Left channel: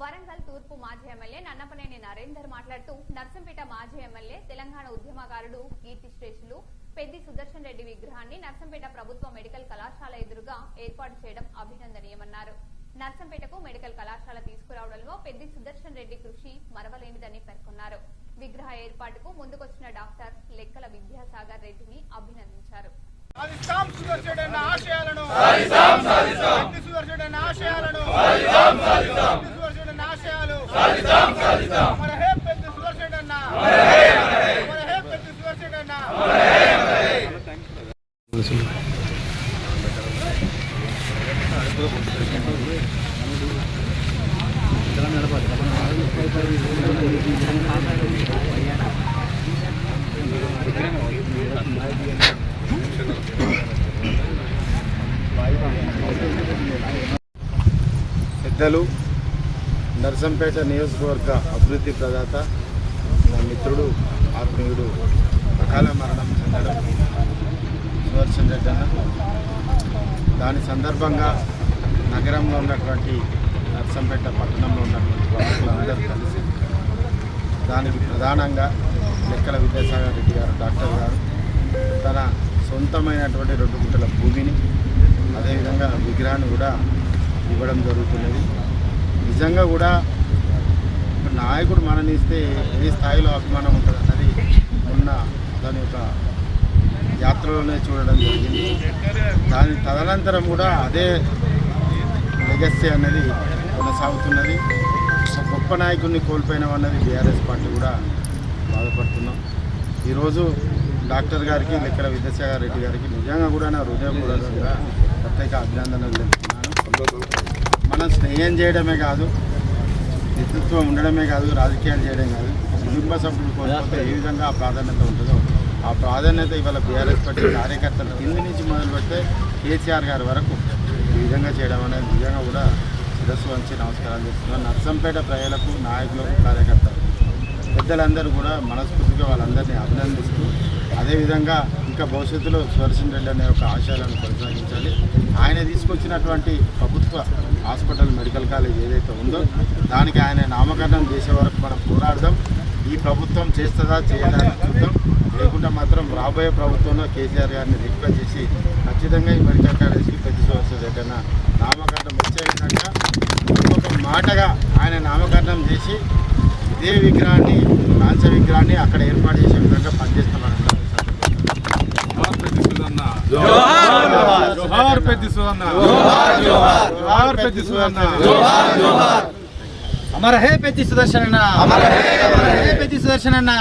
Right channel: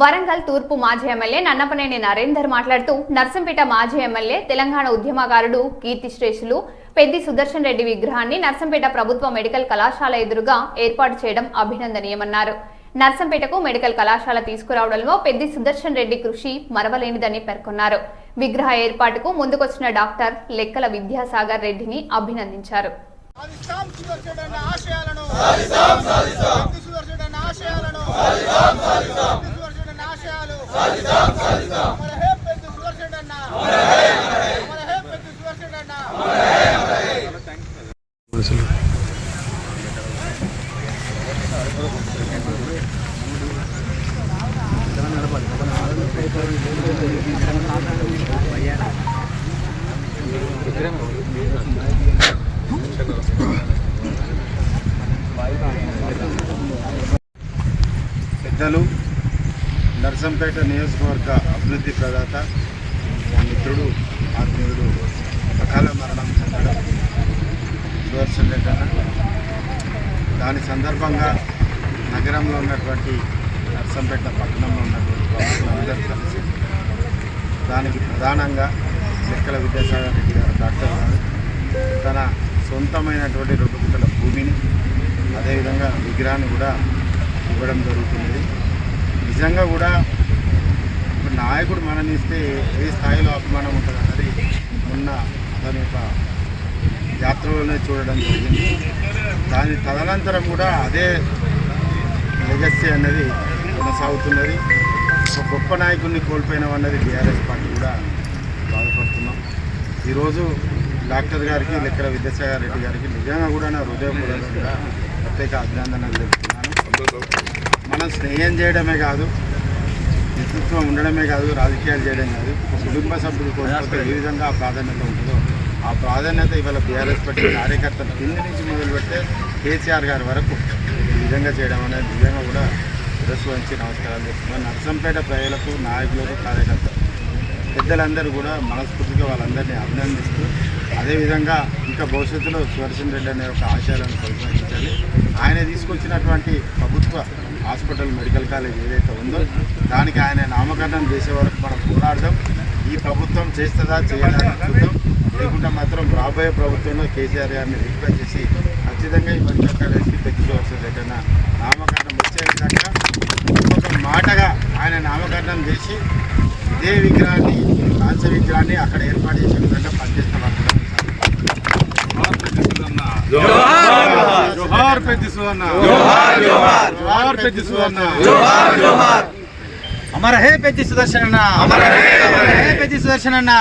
వరంగల్ తూర్పు మాజీ ఎమ్మెల్యే నన్నపనేని నరేందర్ మాట్లాడుతూ నర్సంపేట మాజీ ఎమ్మెల్యే తెలంగాణ ఉద్యమకారుడు కీర్తిశ్రేష్ఠులు పెద్ది సుదర్శన్ రెడ్డి విగ్రహాన్ని నర్సంపేట ప్రభుత్వ మెడికల్ కళాశాల ఎదురుగా ఏర్పాటు చేయడం అభినందనీయమన్నారు. నర్సంపేటకు మెడికల్ కళాశాల తీసుకురావడంలో పెద్ది సుదర్శన్ రెడ్డి కృషి మరవలేనిదని పేర్కొన్నారు. విగ్రహ ఏర్పాటుకు ముందుకొచ్చిన డాక్టర్ లెక్కల విద్యాసాగర్ రెడ్డిని అభినందించారు. పెద్దలు నర్సంపేట నియోజకవర్గ అభివృద్ధి ప్రదాత నా మిత్రుడు ఆత్మీయుడు అకాల మరణం చెందడం సుదర్శన్ రెడ్డి అన్న. దాని సందర్భంగా నగరంలో ఉన్నటువంటి నర్సంపేట పట్టణంలో ఉన్నటువంటి ప్రముఖులందరూ కలిసి దానికి ప్రధానంగా లెక్కల విద్యాసాగర్ రెడ్డి గారు డాక్టర్ గారు తన సొంతమైనటువంటి 2 గుంటల భూమిని అదేవిధంగా విగ్రహాన్ని కూడా ఇవ్వడం జరుగుతున్నది. నిజంగా కూడా నాయకుడు మరణిస్తే ఏ స్థాయిలో అభిమానం ఉంటుంది అన్నది మొన్న దాని యొక్క యాత్రలోనే చూడడం జరిగింది. దాని తదనంతరం కూడా అదే లెగసీ అన్నది కొనసాగుతున్నది. ఒక గొప్ప నాయకుడిని కోల్పోయినాం అన్నది బీఆర్ఎస్ పార్టీ కూడా బాధపడుతున్నాం. ఈరోజు డాక్టర్ గారికి లెక్కల విద్యాసాగర్ రెడ్డి గారికి నిజంగా కూడా నా హృదయపూర్వకంగా ప్రత్యేక అభినందనలు తెలుపుతున్నాను. మనం స్నేహం చేయడమే కాదు, నేతృత్వం ఉండడమే కాదు, రాజకీయాలు చేయడం కాదు, కుటుంబ సభ్యులు కోల్పోతే ఏ విధంగా ఆ ప్రాధాన్యత ఉంటుందో ఆ ప్రాధాన్యత ఇవాళ బీఆర్ఎస్ పార్టీ కార్యకర్తలు కింది నుంచి మొదలు పెడితే కేసీఆర్ గారి వరకు ఈ విధంగా చేయడం అనేది నిజంగా కూడా శిరస్సు వంచి నమస్కారాలు చేస్తున్నాను. నర్సంపేట ప్రజలకు, నాయకులకు, కార్యకర్తలు, పెద్దలందరూ కూడా మనస్ఫూర్తిగా వాళ్ళందరినీ అభినందిస్తూ అదేవిధంగా ఇంకా భవిష్యత్తులో సుదర్శన్ రెడ్డి అనే ఒక ఆశయాలను కొనసాగించాలి. ఆయన తీసుకొచ్చినటువంటి ప్రభుత్వ హాస్పిటల్ మెడికల్ కాలేజ్ ఏదైతే ఉందో దానికి ఆయన నామకరణం చేసే వరకు మనం పోరాడదాం. ఈ ప్రభుత్వం చేస్తుందా చేయదా చూద్దాం. లేకుంటే మాత్రం రాబోయే ప్రభుత్వంలో కేసీఆర్ గారిని రిక్వెస్ట్ చేసి ఖచ్చితంగా ఈ మెడికల్ కాలేజ్కి పెద్ద సుదర్శన్ రెడ్డి అన్న నామకరణం వచ్చే విధంగా ఒక మాటగా ఆయన నామకరణం చేసి ఇదే విగ్రహాన్ని, కాంస్య విగ్రహాన్ని అక్కడ ఏర్పాటు చేసే విధంగా పనిచేస్తామని జోహార్ పెద్ది సుదన్న, జోహార్ పెద్ది సుదన్న, అమర హే పెద్ది సుదర్శన్ అన్న, అమర హే పెద్ది సుదర్శన్ అన్న.